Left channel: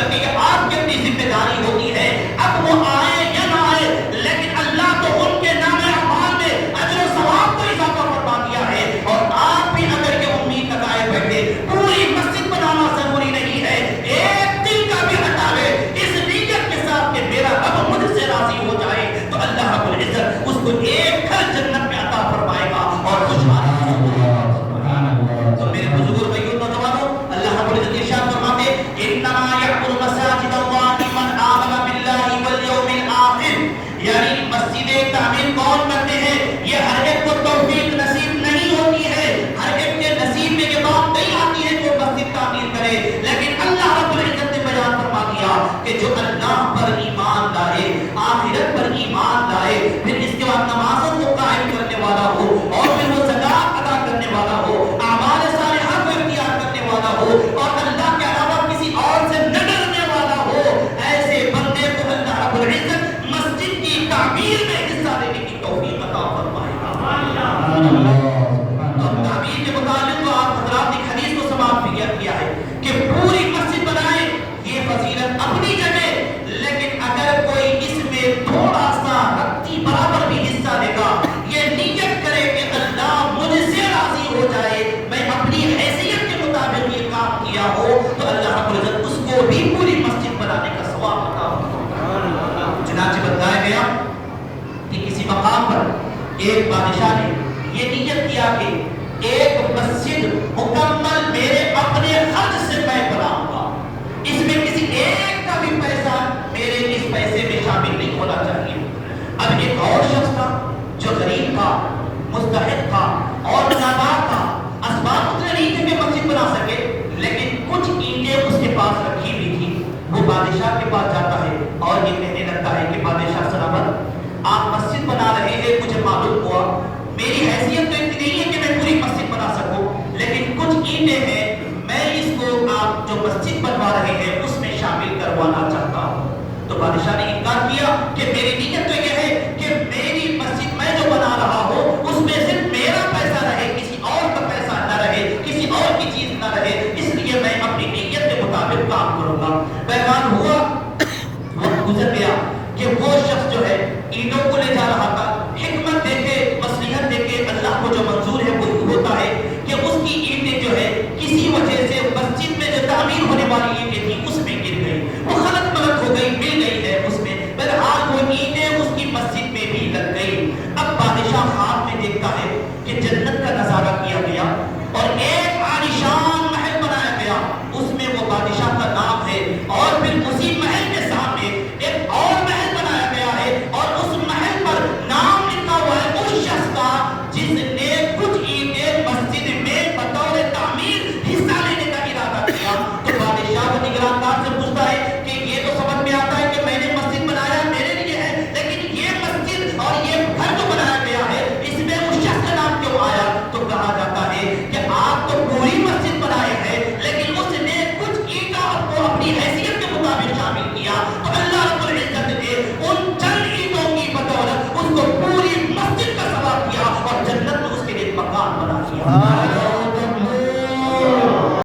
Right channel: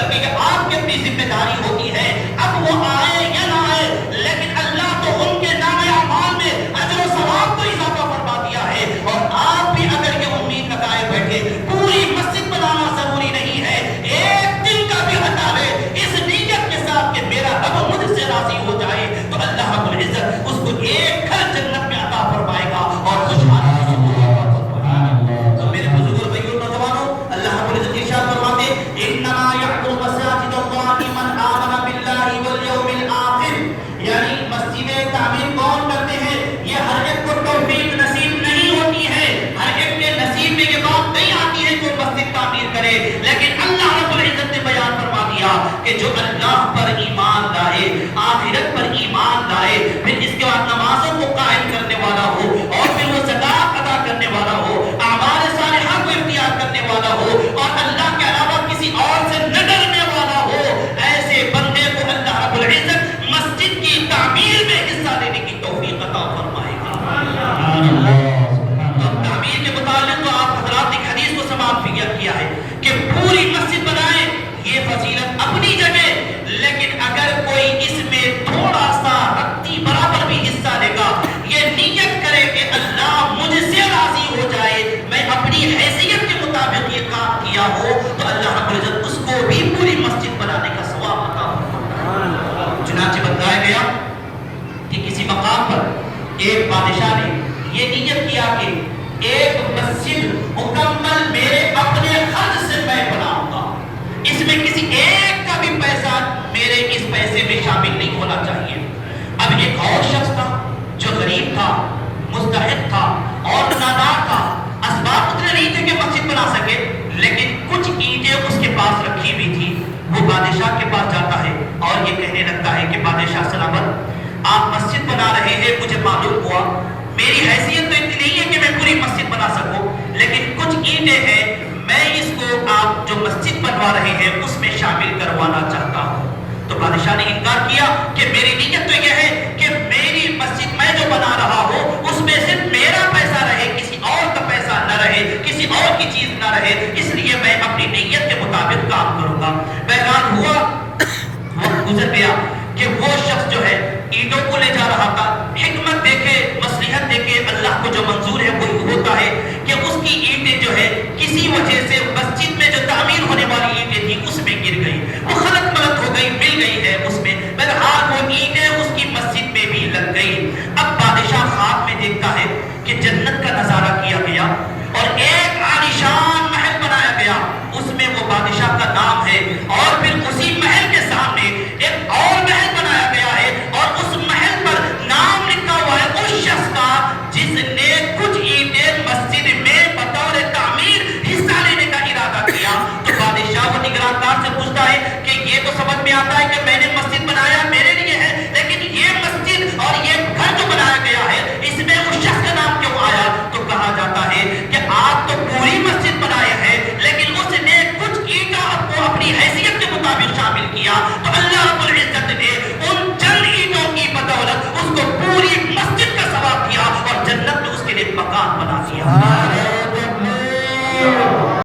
کرنے کی آپ کی اپنی ذمہ داری ہوتی ہے. اب وہ آئے یا نہ آئے لیکن اللہ تو ان کے نام اعمال میں اجر و ثواب کو اضافہ فرما دیا ہے. اور آپ بھی اگر یہ امید لگائے بیٹھے پوری مسجد بنانا ضروری نہیں ہے, ایک دن کا بھی ہٹا لے اس نیت کے ساتھ کہ میرا رب مجھ سے راضی ہو جائے تو اللہ رب العزت اس کو ایک گھر جنت میں عطا فرمائے گا اور خوشحالی تو میرے بزرگوں بھائیوں نوجوانوں اللہ رب العزت ارشاد فرماتے انما یعمر مساجد اللہ من آمن باللہ والیوم الآخر, یعنی مسجدیں تعمیر کون کرتے ہیں؟ یہ ہر ایک کو توفیق نصیب نہیں ہوتی ہے, ہر ایک کے نصیب میں یہ بات نہیں آتی ہے جو مسجد تعمیر کرے, لیکن اللہ رب العزت نے بیان فرما دیا کہ جو اللہ پر ایمان لائے, آخرت پر ایمان لائے, پھر اس کے بعد نمازوں کو قائم کرنے والا ہو اور پھر وہ زکات ادا کرنے والا ہو, اعمال صالحہ کو اختیار کرنے والا ہو اور اللہ کے علاوہ کسی اور سے نہ ڈرنے والا ہو, ایسے بندے کو اللہ رب العزت مسجد کی تعمیر میں حصہ لینے کی توفیق عطا فرمائے گا. اب تعمیر کے متعلق تو آپ حضرات نے حدیث کو سماعت کیا ہے کہ پوری مسجد بنائیں, یہ فضیلت اپنی جگہ, لیکن اگر کوئی اس میں تھوڑا سا رتی برابر بھی حصہ لے گا, یہ نیت کرے کہ اللہ مجھ سے راضی ہو جائے, میں اپنی حیثیت کے مطابق یہ کام کیا ہو, تو اللہ رب العزت اس کو بھی پوری مسجد بنانے کا ثواب عطا فرمائے. چنانچہ بتایا گیا کہ کسی مقام پر ایک بادشاہ نے یہ نیت کیا کہ ایک مسجد مکمل میرے اپنے خرچ سے میں بناؤں گا, اس میں کسی ایک کا بھی پیسہ میرے اس پیسے میں شامل نہیں ہونا چاہیے. اب ایک اور شخص تھا جو غریب تھا, مستحق تھا اور نادار تھا, اسباب اتنے نہیں تھے کہ مسجد بنا سکے, لیکن کچھ اینٹیں اس کے پاس رکھی ہوئی تھی. وہ بادشاہ کے پاس جاتا ہے اور یہ کہنے لگتا ہے کہ بادشاہ سلامت, آپ مسجد بنا رہے ہیں, مجھے معلوم ہوا میری حیثیت تو اتنی نہیں ہے کہ میں پوری مسجد بنا سکوں, لیکن کچھ اینٹیں ہیں, میں اس کو آپ جو مسجد بنوا رہے ہیں اس میں شامل کروانا چاہتا ہوں. تو بادشاہ نے انکار کیا کہ میری نیت تو یہ ہے کہ میری مسجد میں جو بنا رہا ہوں اس میں صرف میرا پیسہ رہے, کسی اور کا پیسہ نہ رہے, کسی اور کی چیز نہ رہے, اس لیے میں اپنی نیت کے مطابق کام کروں گا. بہرحال ہوا وقت گزر گیا کہ وہ شخص جو ہے اینٹوں کو لے جا رہا تھا, حکمت دیکھے, مصلحت دیکھے, اللہ کو جو منظور ہے وہی ہوتا ہے کہ اس کی اینٹیں جو ہے کسی وجہ سے مسجد میں جو تعمیر ہونے والی اینٹیں تھی اس میں گر گئی, وہ خلط ملط ہو گئی, مل گئی ہے اس میں. بہرحال وہ اینٹیں اس کی مسجد میں بھی لگ گئی. اب بادشاہ خواب میں دیکھتا ہے کہ جنت کا نظارہ کیا گیا اور ایک عالیشان محل بنایا گیا, اس میں وہ بادشاہ کا نام ہے, اور پھر اسی محل کے سامنے ایک اور محل بنایا گیا ہے اور اس محل پر نام لکھا ہوا ہے اس شخص کا جس نے کچھ اینٹیں مسجد میں بطور تعمیر حصہ لینے کا ارادہ کیا. تو بادشاہ وہ نگراندار سے پوچھتا ہے کہ یہ تو سمجھ میں آتا ہے کہ میں نے مسجد بنایا میرے لیے ہے, لیکن یہ مسجد اور یہ گھر جو بنایا گیا ہے اس میں اس شخص کا نام کیوں آیا؟ تو کہا جاتا ہے کہ آپ تو پوری مسجد بنائے ہیں, لیکن اس نے کچھ اینٹیں کو اپنی حیثیت کے مطابق شامل کیا, تو